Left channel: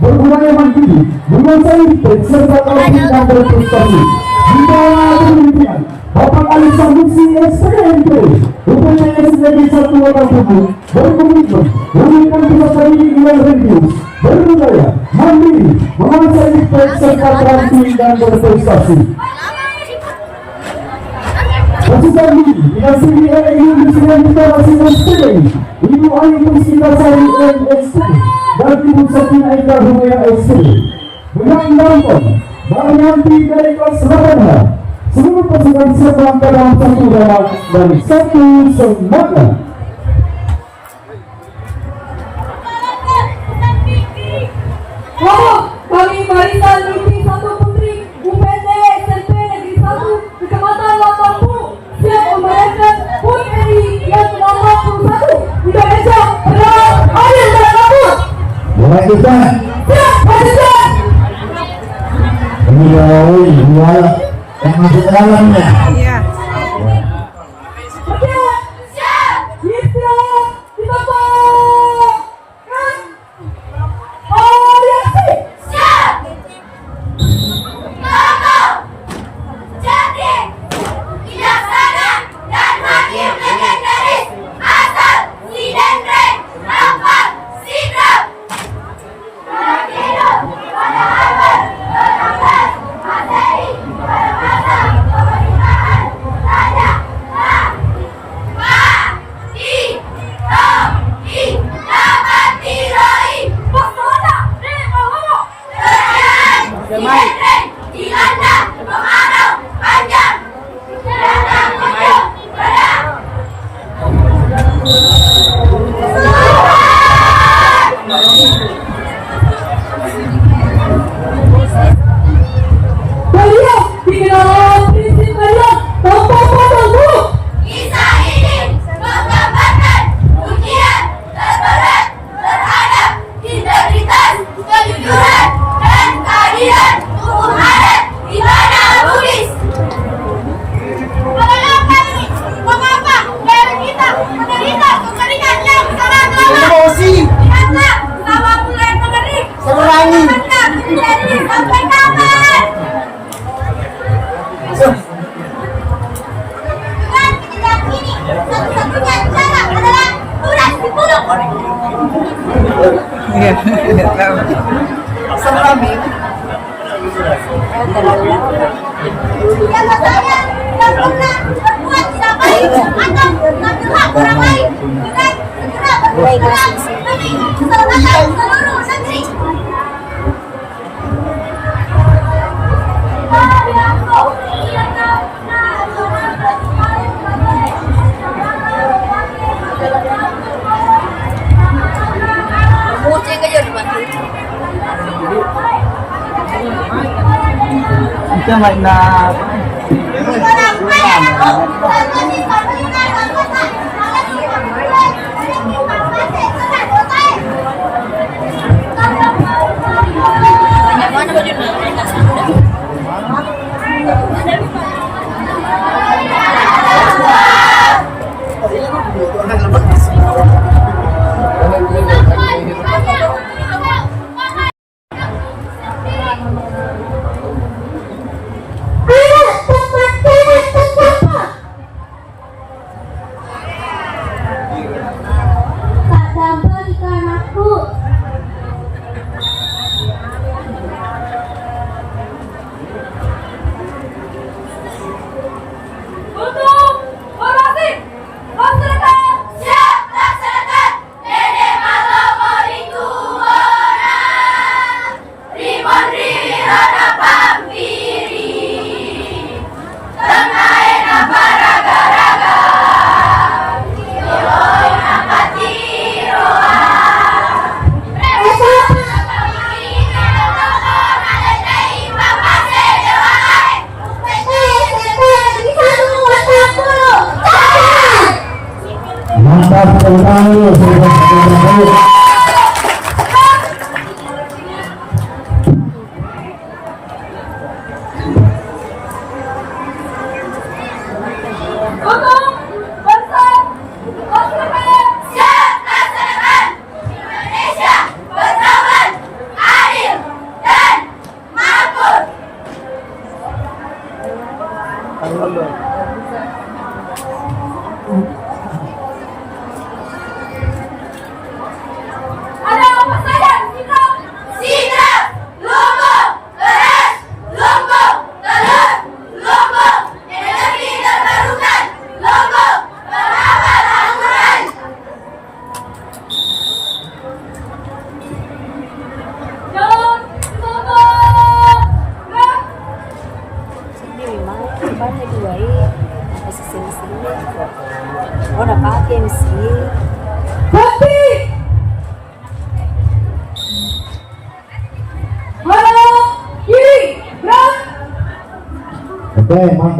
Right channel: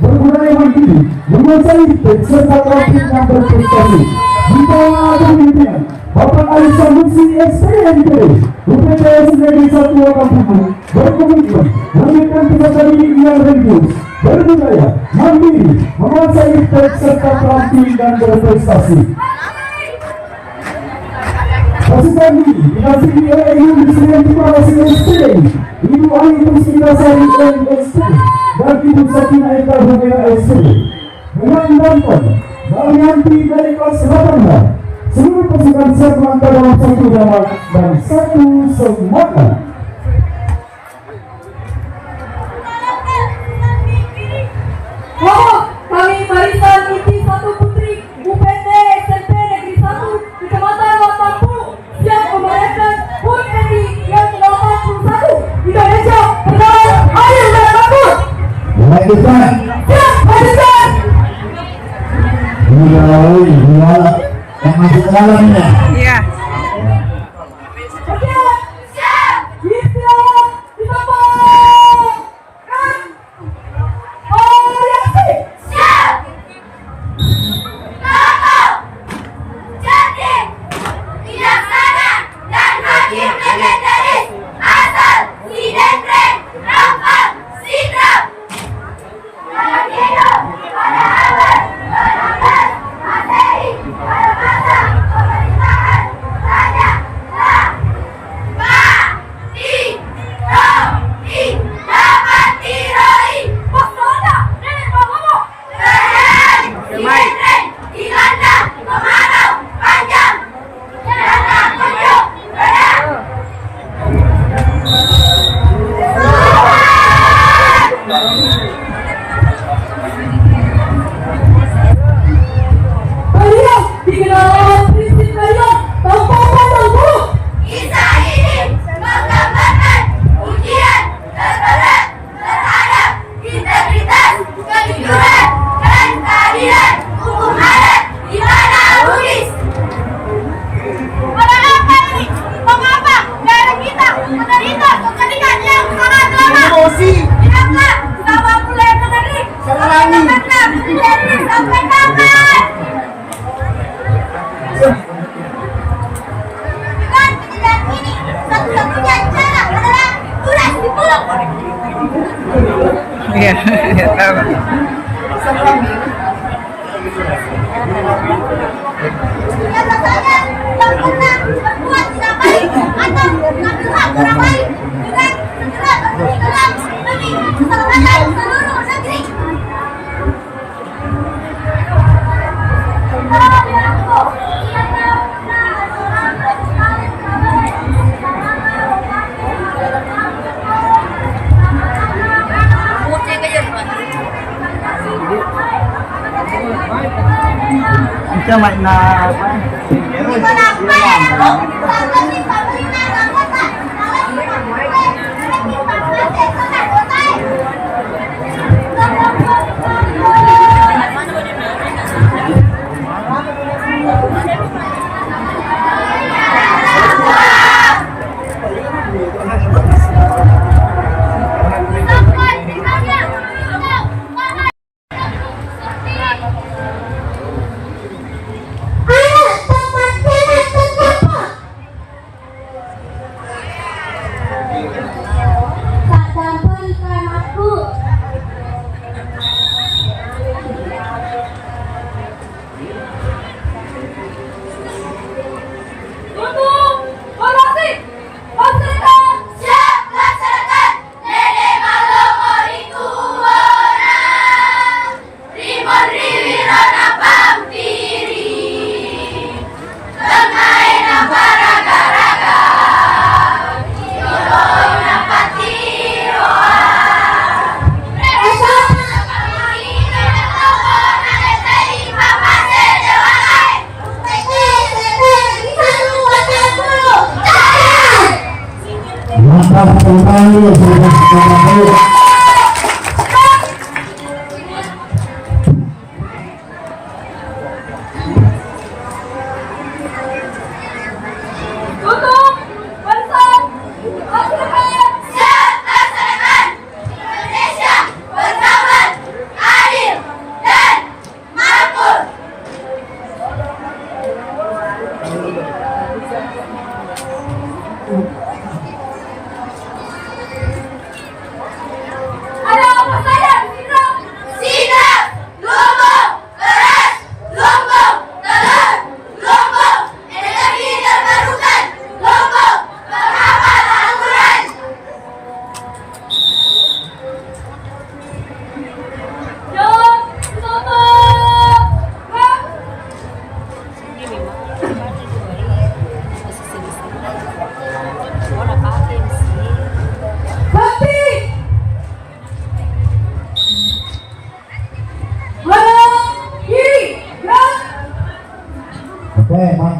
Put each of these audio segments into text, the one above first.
berguna yang tinggi, menguasai serta kreatif dan berprestasi. Jika ada pimpinan Bapak Ali Sambusi SPMP, upaya menjadi satu orang tubuh, berkomitmen, memberikan peserta didik yang religius, berbudaya, mandiri, menguasai teks serta terampil dan berprestasi. Pasukan ini didampingi oleh Indonesia yang kita masih SPM, Ibu Ayu Mustika Sari MSP, dan Ibu Sakina Eka Rumea SP. Menandangkan Marianti dari kelas 18, seluruh pasukan serta dalam satu dana dan satu semangat. Kami barisan Niti Satu Putri UPT SMP Negeri 1 Kecamatan Watampu siap membayarkan PUN RI yang nomor 1 Indonesia benar, adil dan makmur. Mulai kita. Siap, barisan. Mulai yang masuk ke dalamnya. Iya. Iya, tahu. Kata saya tidak pernah berbuat tidak baik atau mengambil hak orang lain dengan segera bertindak demi keselamatan seluruh negeri. Kita main apa?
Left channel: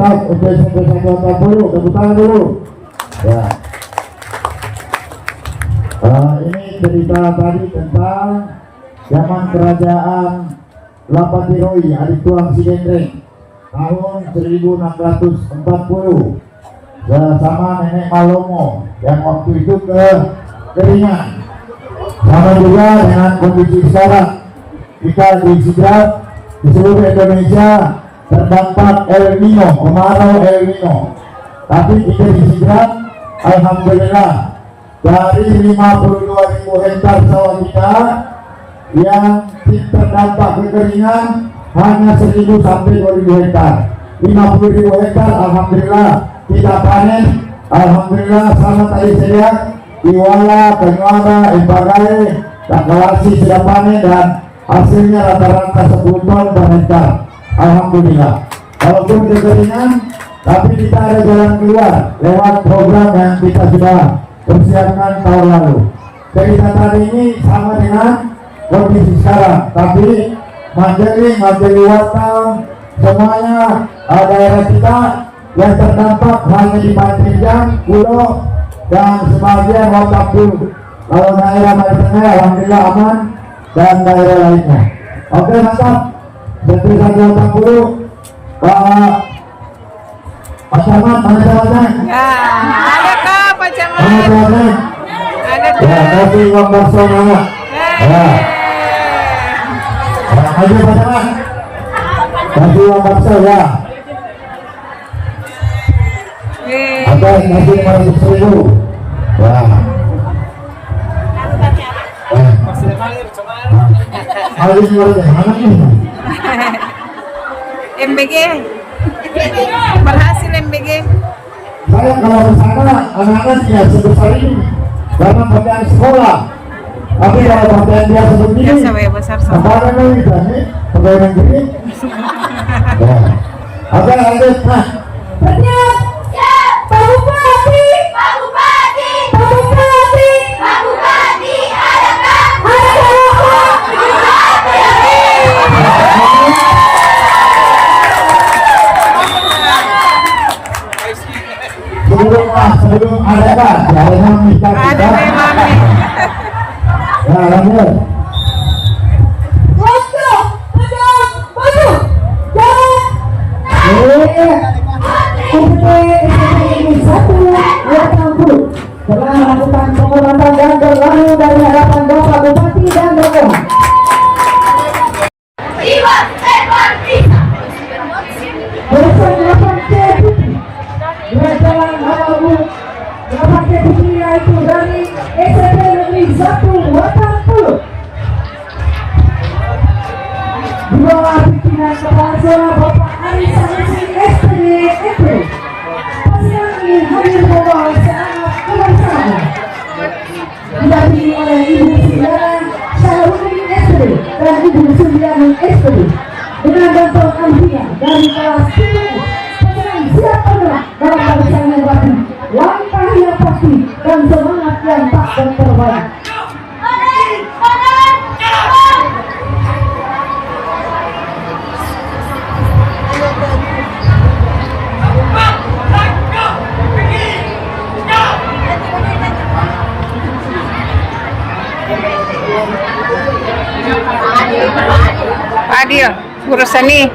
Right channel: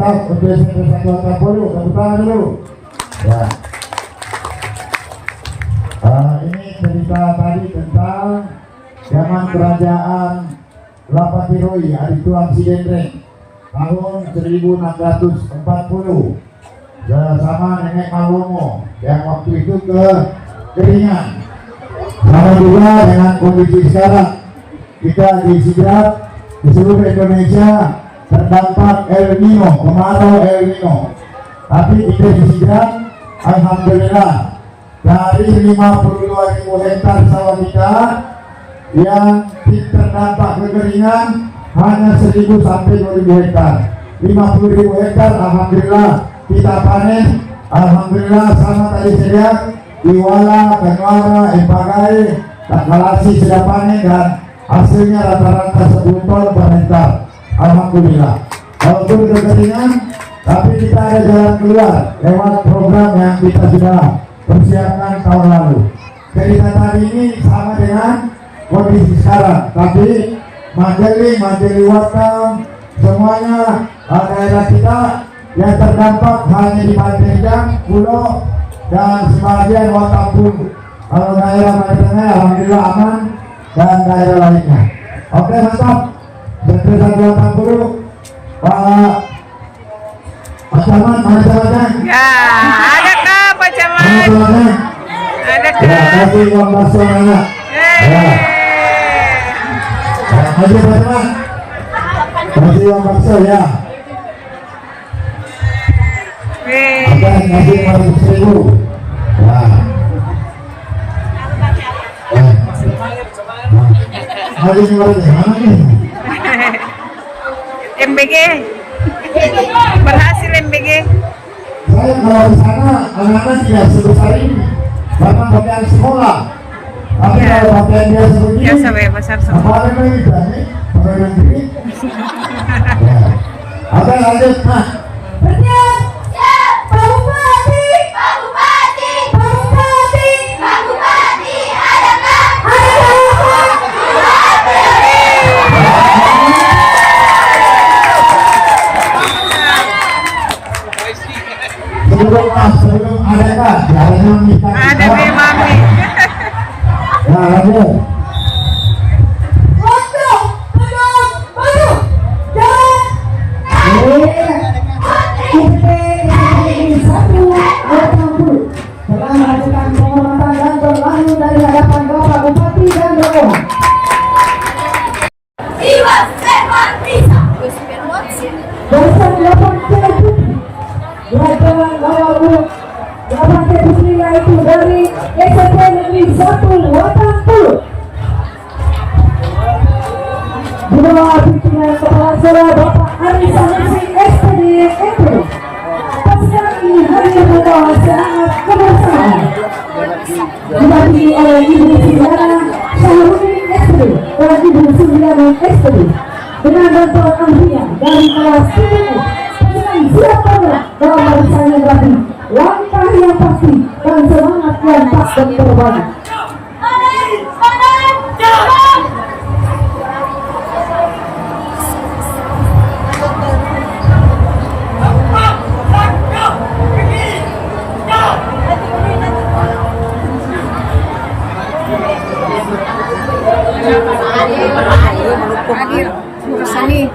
Mantap, untuk Persatuan Kampung, tepuk tangan dulu. Ya. Ini cerita tadi tentang zaman kerajaan Lapandiroi, Adik Tuang Sidendreng, tahun 1640. Sama Nenek Malomo yang waktu itu ke Keringan. Sama juga dengan kondisi sekarang, kita disigap di seluruh Indonesia terdampak El Nino, kemarau El Nino. Tapi kita disigap, alhamdulillah, dari 52.000 hektar sawah kita yang terdampak kekeringan hanya 1.000 sampai 2.000 hektar. 50.000 hektar alhamdulillah tidak panen. Alhamdulillah sama tadi saya Iwala, Kenyala, Impagai, dan Galasi sudah panen dan hasilnya rata-rata 10 ton per hektar. Alhamdulillah. Walaupun kekeringan, tapi kita ada jalan keluar lewat program yang kita sudah persiapkan tahun lalu. Kegiatan ini sama dengan kondisi sekarang, tapi Mandeli Wateng, semuanya daerah kita yang terdampak hanya di Banten, Pulau, dan sebagian Watampur. Lalu daerah Banten alhamdulillah aman dan daerah lainnya. Oke, mantap. Setelah Watampur, Pak Camat, mana Camatnya? Ya, ada kah Pak Camat? Ada Ya, kah? kasih Bang Barso mana? Ayo Pak Camat. Kasih Bang Barso ya. Oke, kasih Bang 1.000. Ya. Hari ini mana nih? MBG. Berhasil MBG. Saya kalau di sana anak-anak tidak sebesar ini karena pakaian sekolah. Tapi Ya. kalau pakaian biasa begini, Biasa ya besar semua. apalagi ini berani, pegawai negeri. Ya. Oke, lanjut. Nah, Berniat. Pak Bupati. Pak Bupati. Pak Bupati. Pak Bupati. Adakah? sebelum ada kan, jangan minta. Ada Mami. Ya, lanjut. Waktu. Tegak. Maju. Jalan. Setelah melakukan pengumuman dan berlalu dari hadapan Bapak Bupati dan Romo. Jiwa serban bisa. Bersama 8 deputi dengan Bapak Bapak deputi yaitu dari SMP Negeri 1 Watampur. Dua pimpinan kepala sekolah Bapak Ari Sanusi SPD itu. Pasukan ini hadir membawa semangat kebangsaan. Didampingi oleh Ibu Siliana Syahrudin SPD dan Ibu Suliana SPD. Dengan bantuan ahlinya dari kelas 10, pasukan siap bergerak dalam barisan yang rapi, langkah yang pasti dan semangat yang tak berkorban. Pak Adil, Guru Seni.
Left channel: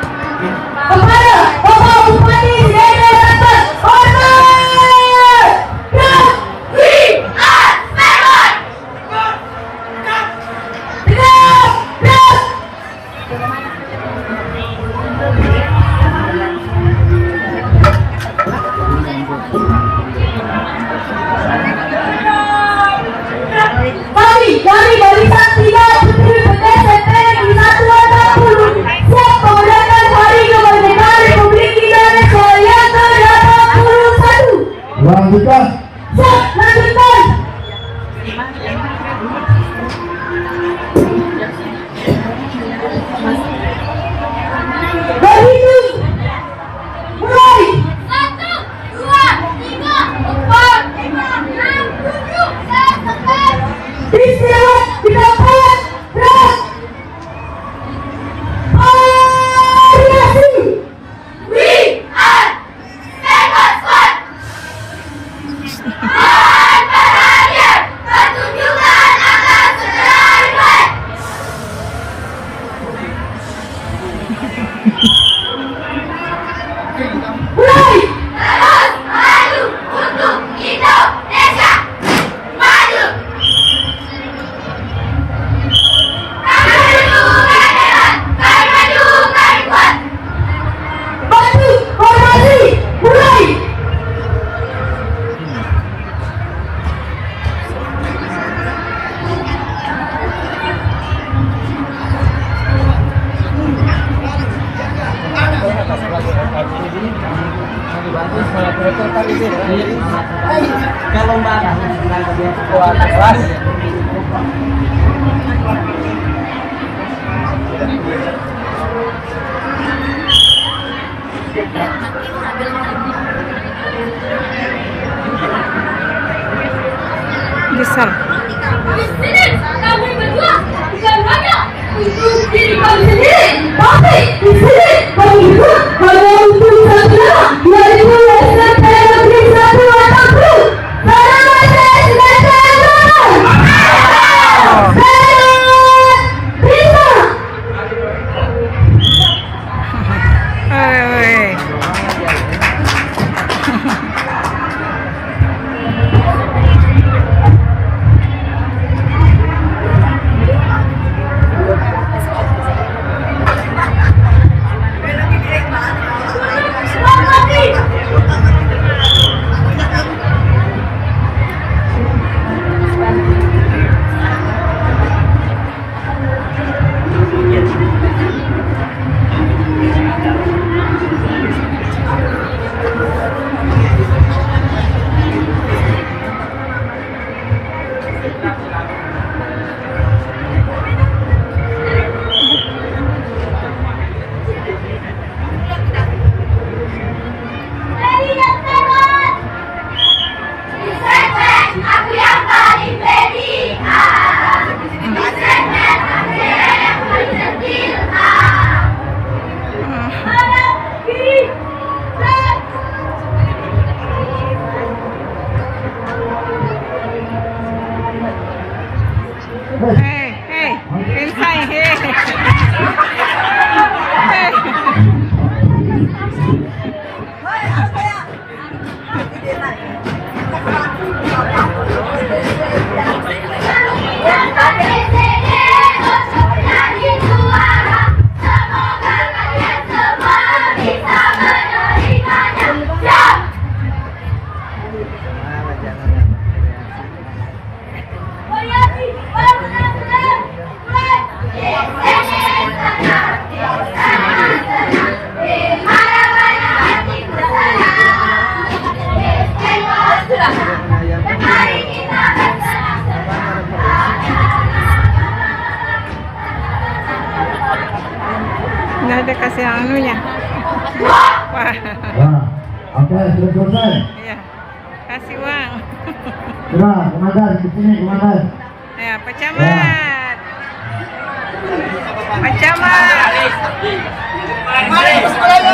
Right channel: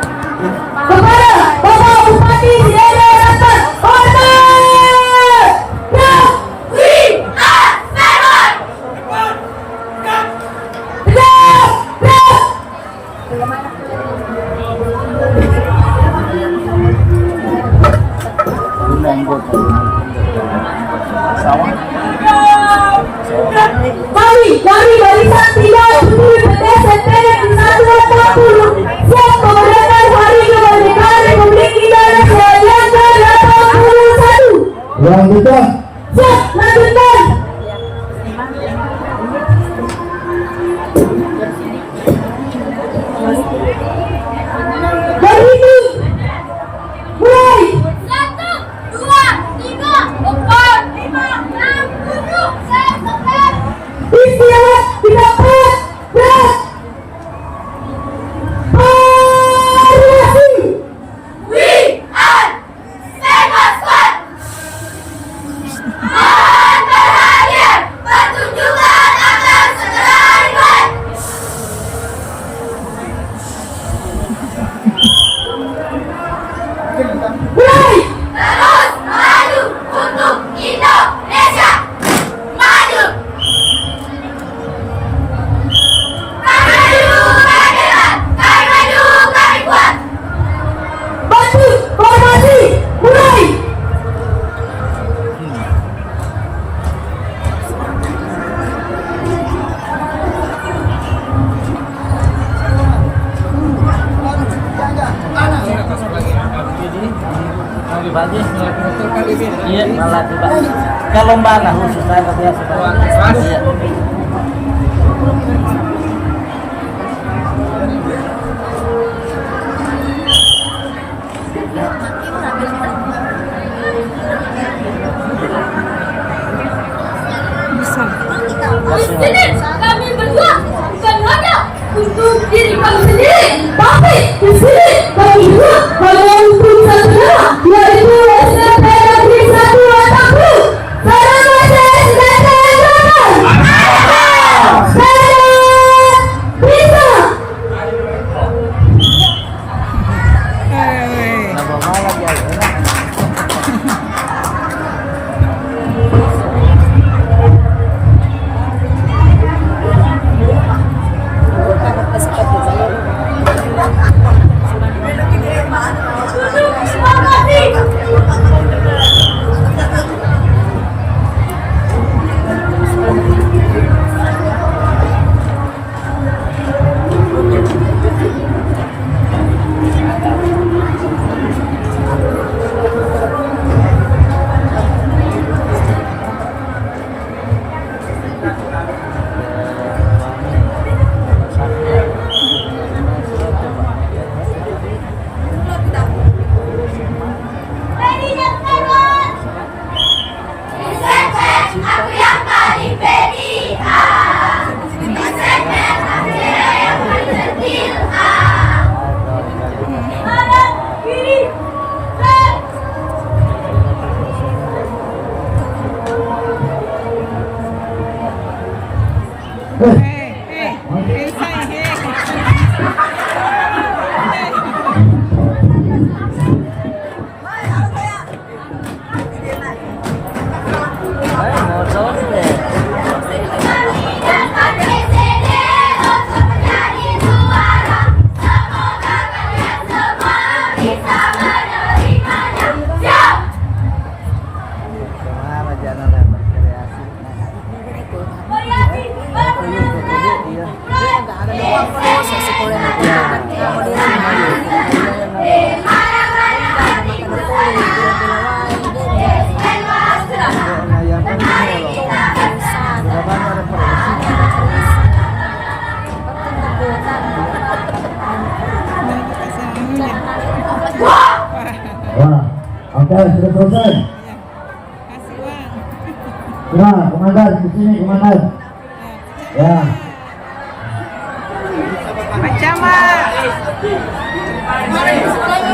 Kepada Bapak Bupati Sidendreng Banten, hormat. Rafi Asperon. Kami dari barisan 30 SMP Negeri 1 Watampur siap memuliakan hari kemerdekaan Republik Indonesia yang ke-81. Lanjutkan. Siap, lanjutkan. Berhitung. Mulai. 1, 2, 3. lembaga Bisa. Di sini kami berdua bukan hanya untuk diri kami sendiri, tapi di sini kami juga hanya untuk saudara, yaitu SMP Negeri 1 Watangpu. Salam bisa. Hei. Aku yang paling pede. Kanan, kiri, left. Hei, inside, hei. Nggak ada kasih anunya. Wah, Nah, oke, sudah selesai. iya. Kasih uang. Nah, komandan, di sini komandan. Ya, Pak Camat. Pak Camat.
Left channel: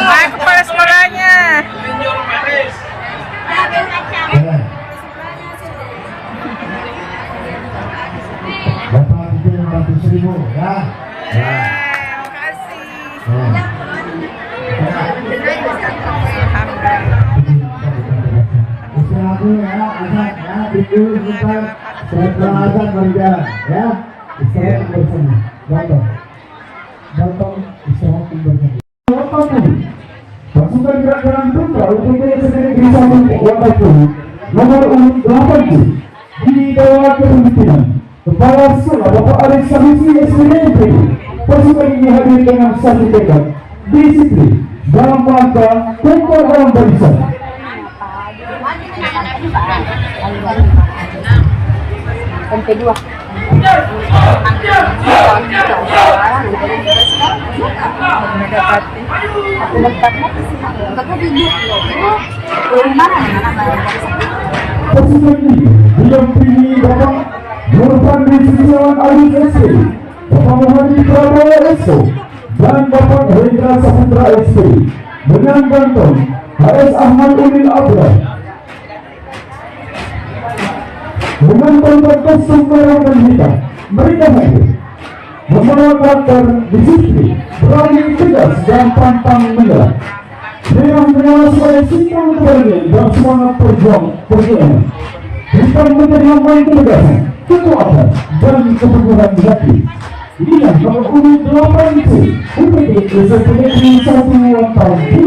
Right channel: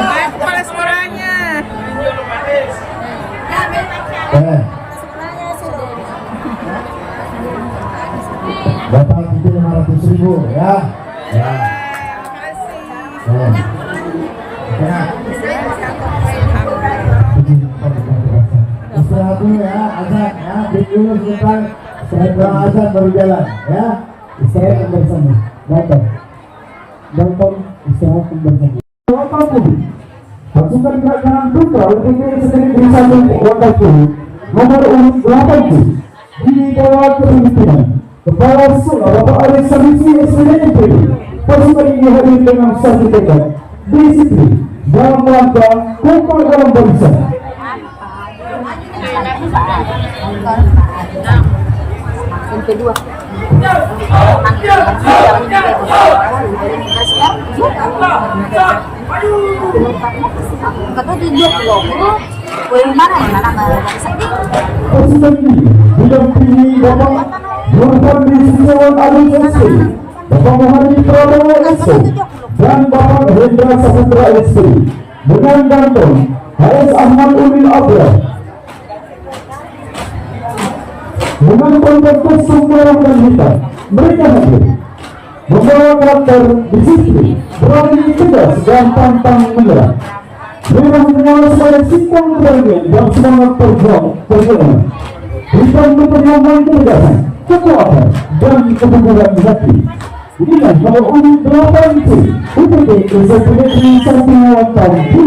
Hai, kepala sekolahnya. Oke. Bapak kita 500.000 ya. Ya. Makasih. Ya. Istirahat dulu ya, azan ya, dulu sebentar. Setelah azan baru jalan ya. Istirahat bersama. Gampang. Gampang istirahat bersama. Watangpu. Pasukan Gerakan Putra UPT Negeri 1 Watangpu nomor urut 80 di bawah kepemimpinan Kepala Sekolah Bapak Arif Sanusi SPDMP. Pasukan ini hadir dengan satu tekad, disiplin dalam rangka kota dalam barisan. Kedua. Pasukan ini didampingi Bapak Nurfandri Setiawan Arif SP, Bapak Muhammad Prabowo SP, dan Bapak Hendra Saputra SP, dengan ganteng HS Ahmad Ulil Abra. Dengan tongkat kostum merah dan hitam, mereka hadir membawa karakter disiplin, berani tegas dan pantang menyerah. Mereka mengenal sebagai simpang berani dan semangat perjuangan. Bukan memperjuangkan ketegasan, kekuatan, dan kebenaran hati. Inilah nomor urut 80 UPT SMP Negeri 1 Watangpu.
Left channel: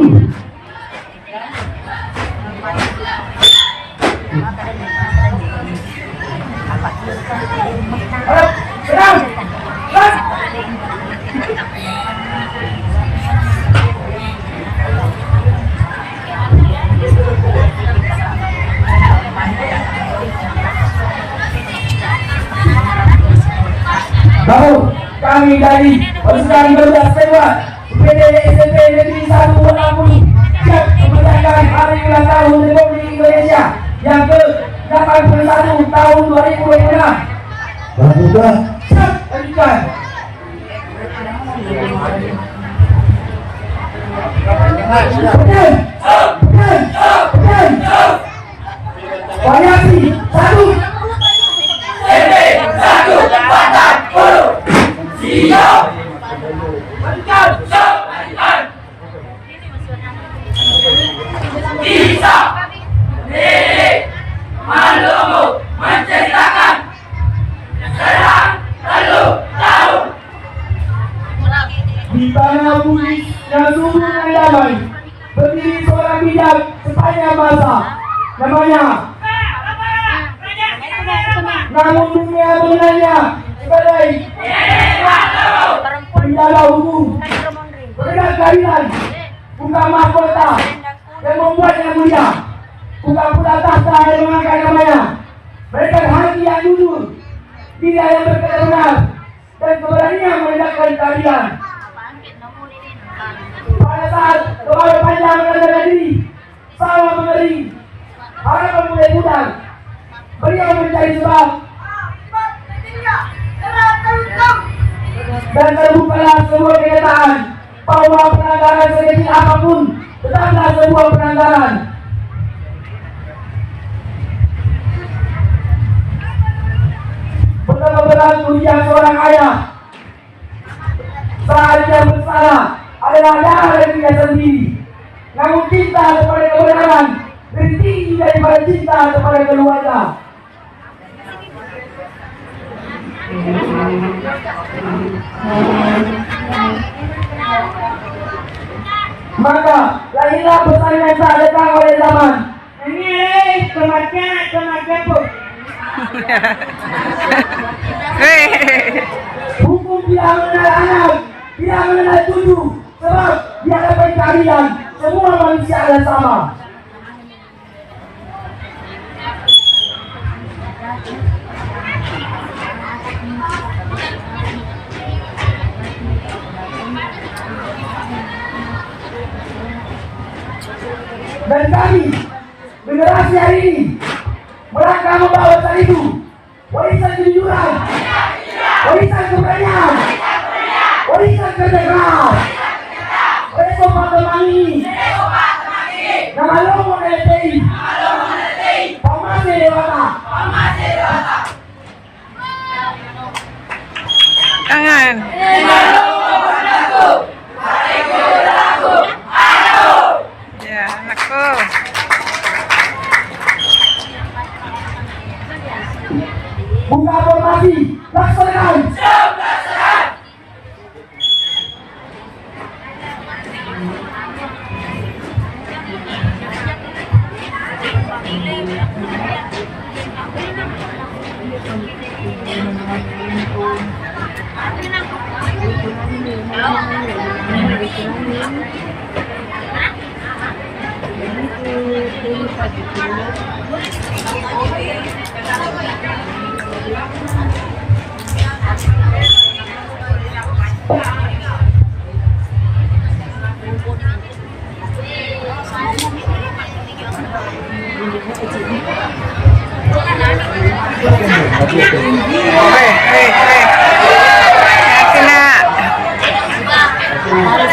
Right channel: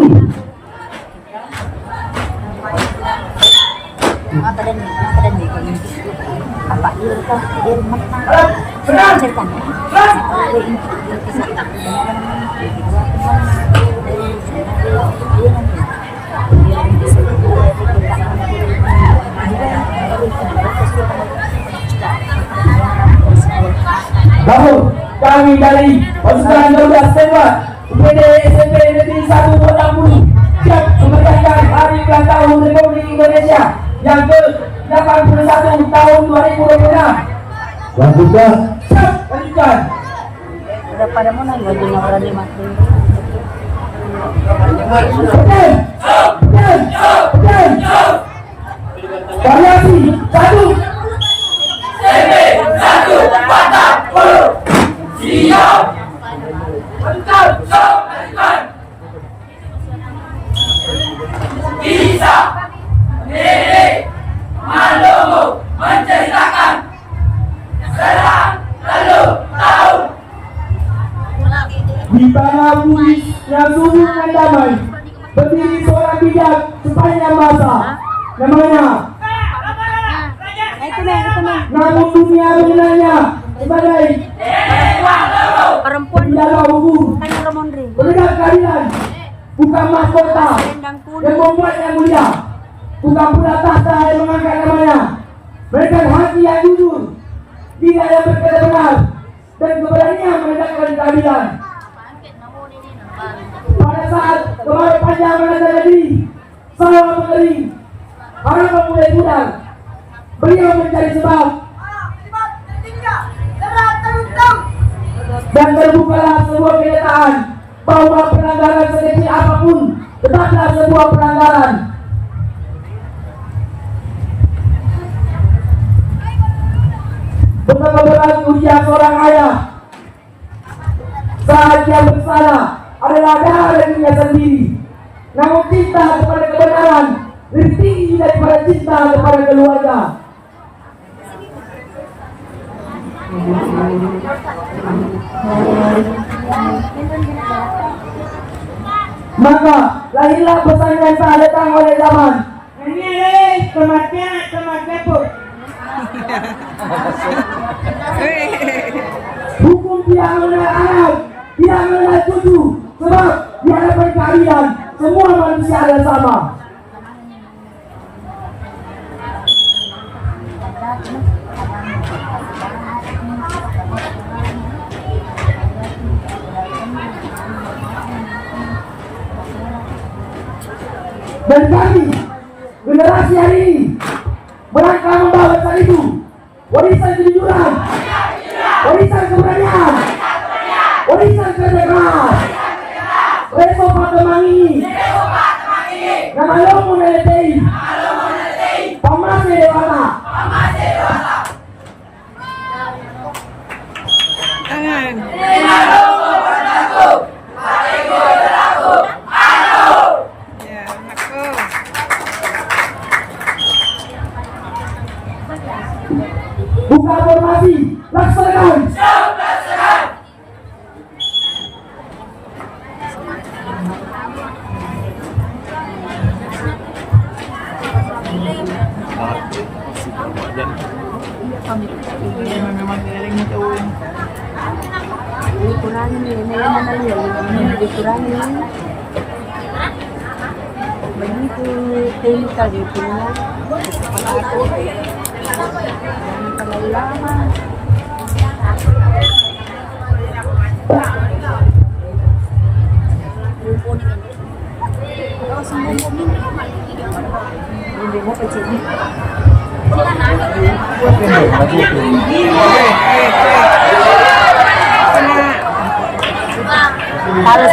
SMP Negeri 1 Lampung siap memeriahkan hari ulang tahun Republik Indonesia yang ke-81 tahun 2026. Dan juga Siap, lanjutkan. Udah pada mana lagi ngobrol di makro. Betul. Variasi 1. Di tanah bumi yang subur dan damai berdiri seorang bijak sepanjang masa. Namanya namun dunia mengenalnya sebagai penjaga hukum, penegak keadilan, bukan mahkota yang membuatnya mulia, bukan pula tahta yang mengangkat namanya. Mereka hati yang jujur, tidak yang berkata benar, dan keberanian menegakkan keadilan. Pada saat kemarau panjang melanda negeri, sawah mengering, harapan mulai pudar. Beliau mencari sebab, dan terbukalah sebuah kenyataan bahwa pelanggaran sekecil apapun tetaplah sebuah pelanggaran. Betapa berat ujian seorang ayah saat dia bersalah adalah darah dia sendiri. Namun cinta kepada kebenaran lebih tinggi daripada cinta kepada keluarga. Maka lahirlah pesan yang tak datang oleh zaman. Ini kematian pun. Hukum tidak mengenal anak, tidak mengenal cucu, sebab di hadapan keadilan semua manusia adalah sama. Dan kami, generasi hari ini, merangkap membawa pesan itu, warisan kejujuran, warisan keberanian, warisan kerja keras, Reso Patemangi, nama lomo neletei, pamase dewata. Tangan. Ya, anakku. Buka formasi, laksanakan. Hati nak. Harus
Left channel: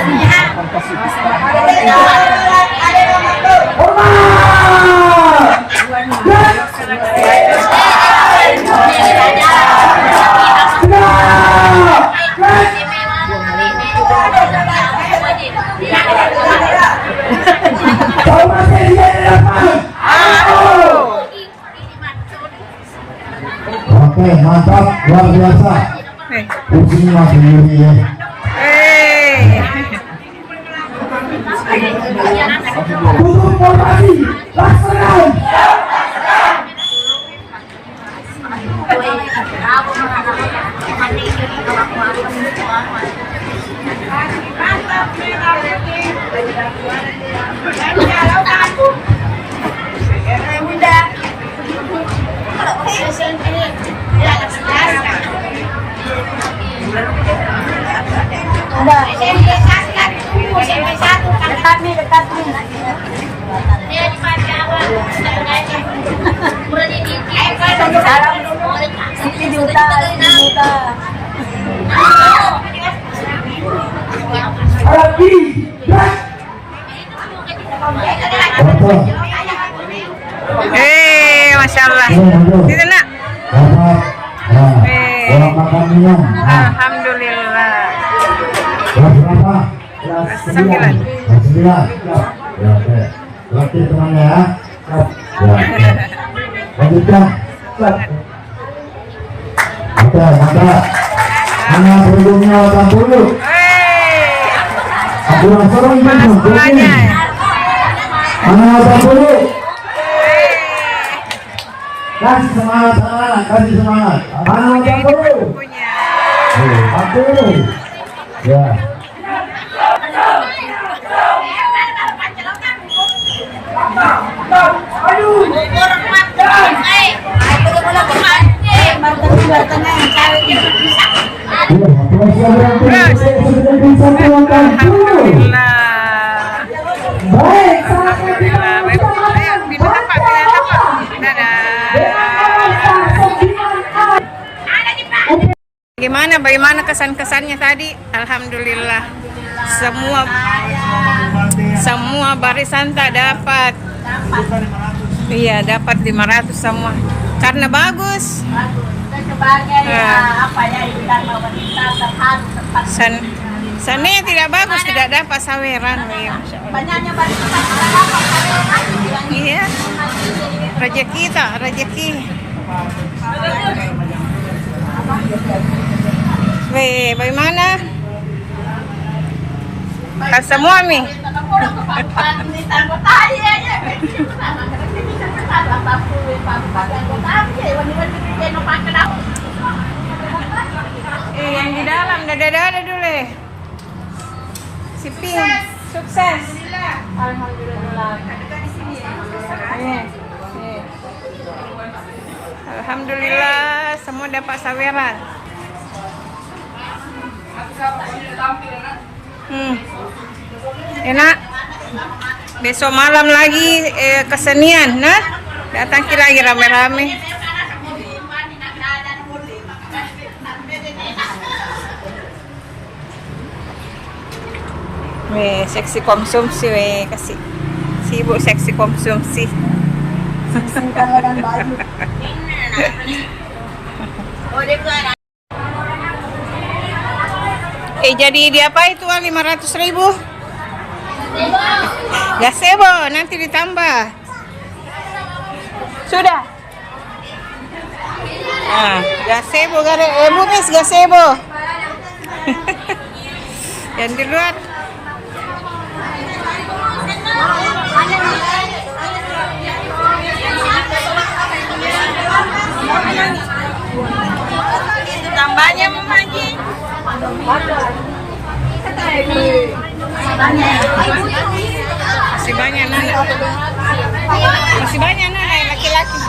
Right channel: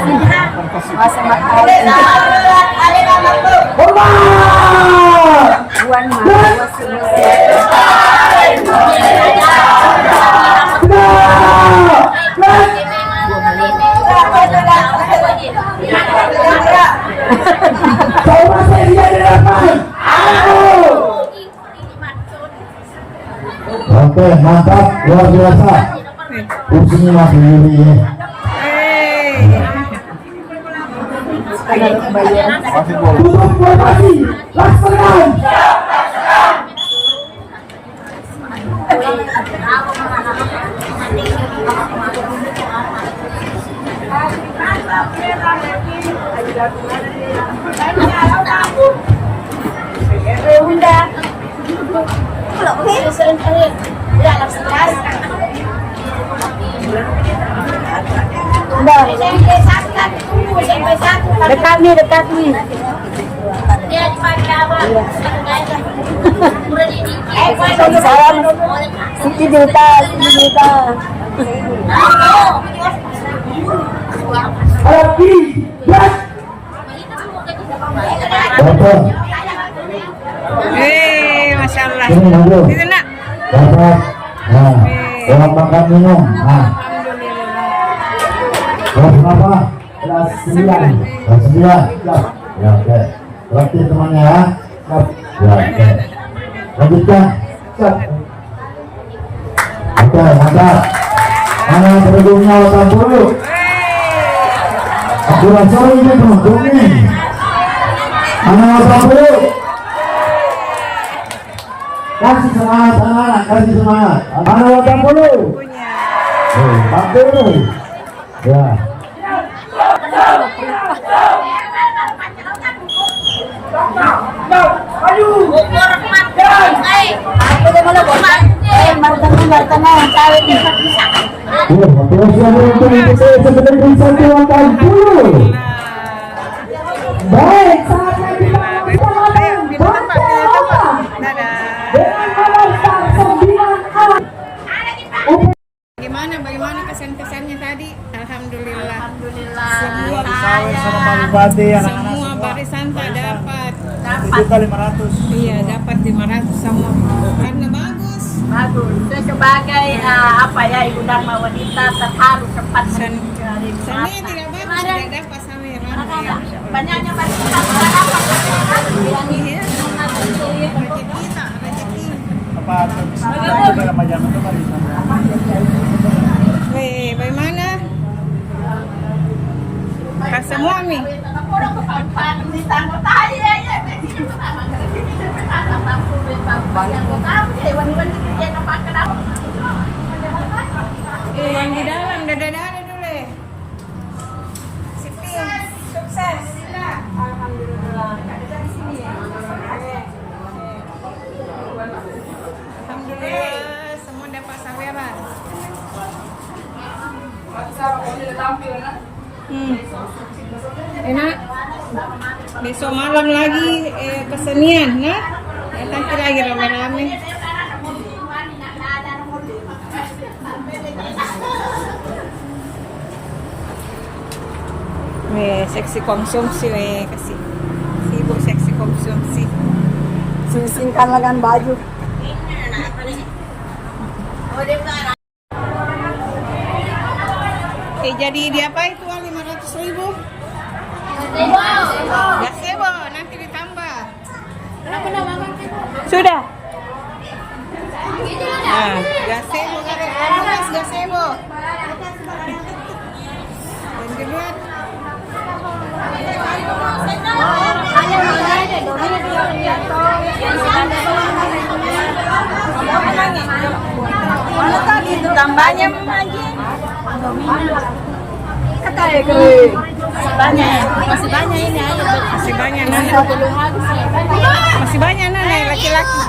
oke, mantap, luar biasa. Kursinya masih Yuri ya. Tutup formasi, laksanakan. Udah. Dekat nih, dekat nih. Salam. 10 juta, 10 juta. Lagi, gerak. Bapak, Masya Allah. ini Bro. Gitu nak. Bapak, nah, tolong makan minum. Nah, Alhamdulillah. kelas berapa? Kelas 9. 9. Kelas 9. Ya, oke. Terakhir temannya ya. Ya, oke. Lanjutkan. Oke, mantap. Mana penduduknya 80? Aku rasa ini penduduknya. Mana 80? Kasih semangat anak-anak, kasih semangat. Mana 80? Punya. 40. Ya. Alhamdulillah. Baik, Alhamdulillah. Baik. Ayo, pindah tempat, pindah tempat. Dadah. Bagaimana kesan-kesannya tadi? Alhamdulillah. Semua barisan tak dapat. Iya, dapat 500 semua. Karena bagus. Bagus. Itu sebagai ibu dharma wanita terharu sempat Sani tidak bagus, tidak dapat saweran. Ya, Masya Allah. banyaknya barisan. Iya. Rezeki tak, rezeki. Weh, bagaimana? Kan semua mi. Yang di dalam, dadah dulu. Si Pink, sukses. Alhamdulillah. Dekat di sini ya. Alhamdulillah, semua dapat saweran. Enak. Besok malam lagi kesenian, nah. Datang lagi rame-rame. Weh, seksi konsumsi weh, kasih sibuk seksi konsumsi. Singkan dengan baju. Jadi di apa itu 500.000? Gazebo, nanti ditambah. Sudah. Nah, gazebo Bumis gazebo. Yang di luar. Tambahnya Mamaji. Masih banyak Nana. Masih banyak Nana laki-laki.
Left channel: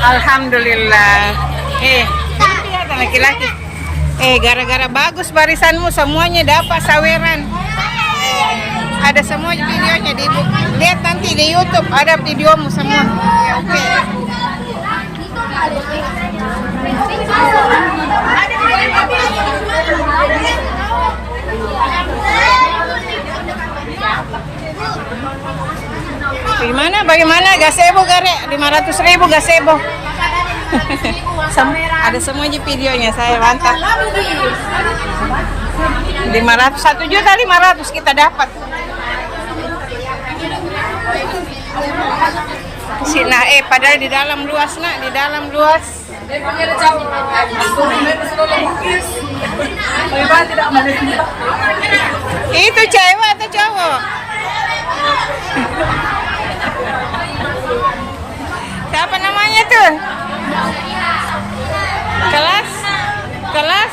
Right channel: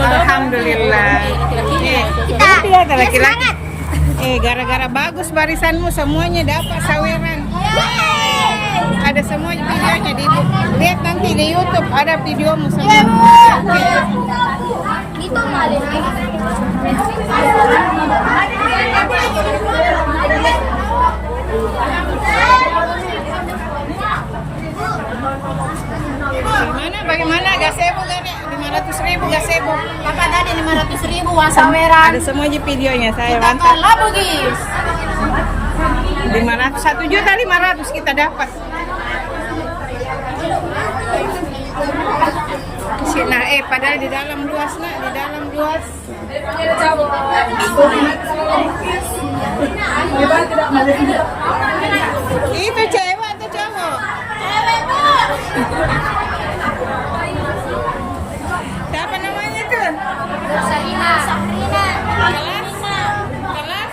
Alhamdulillah. Itu ya laki-laki. Gara-gara bagus barisanmu semuanya dapat saweran. Ada semua videonya di ibu. Lihat nanti di YouTube ada videomu semua. Oke. Bagaimana gazebo gare 500.000 gazebo. Ada semua aja videonya saya mantap. 500 1.500.000 kita dapat. Sini padahal di dalam luas nak, di dalam luas. Itu cewek atau cowok? Siapa namanya tuh? Kelas?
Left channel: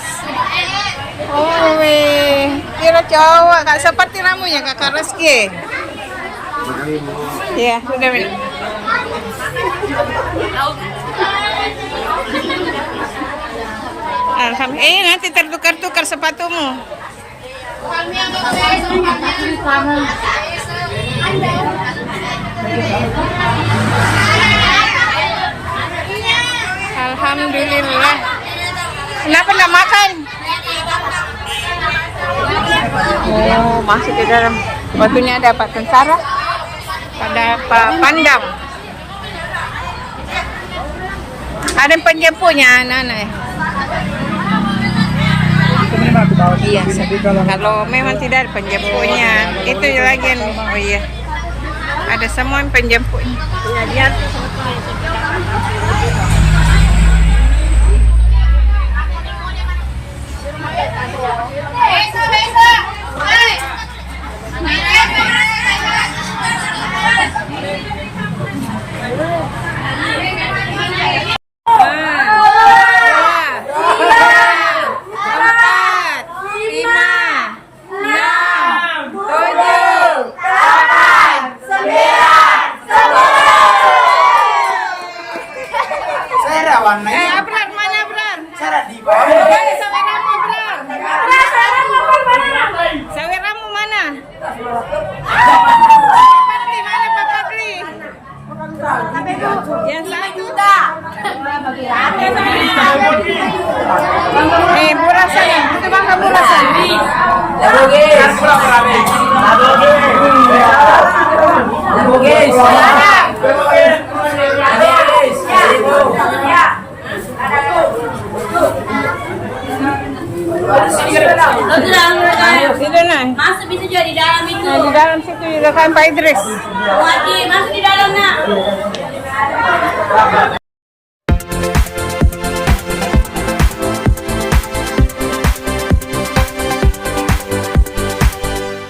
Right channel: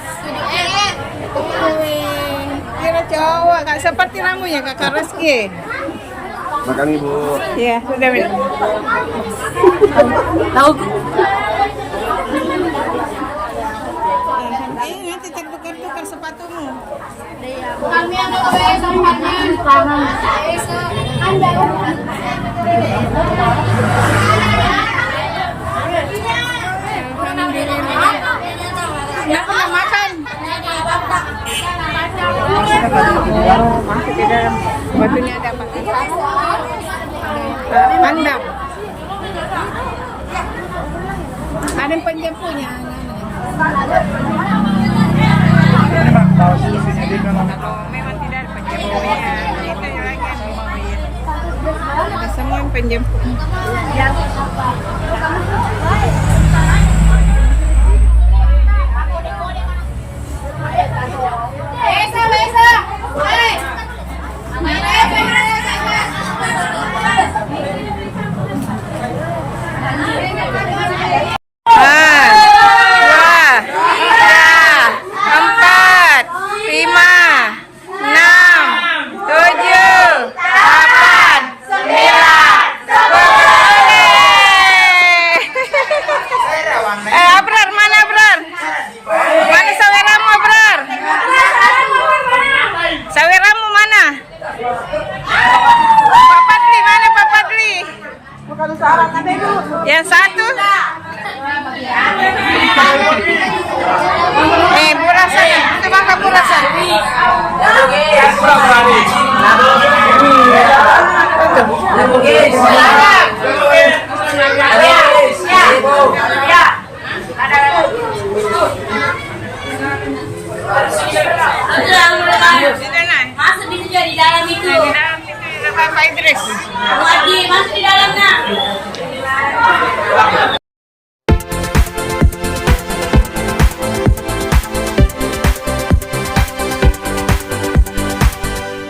Oh, kira cowok, kak seperti ramunya Kakak Reski. Makan ibu. Iya, sudah minum. Alhamdulillah. Nanti tertukar-tukar sepatumu. Alhamdulillah. Kenapa nak makan? Oh, masuk ke dalam. Batunya ada Pak Tentara, ada Pak Pandang. Ada penjempunya anak-anak. Iya, kalau memang tidak ada penjempunya, itu lagi yang, oh iya, ada semua yang penjemputnya. Abrar, mana Abrar? Mana saweramu Abrar? Saweramu mana? Pak Padli, mana Pak Padli? Yang satu? Burasan, itu bangka burasan. Masuk bisa jadi di dalam itu. Nah, di dalam situ juga kan Pak Idris. Lagi masuk di dalam nak.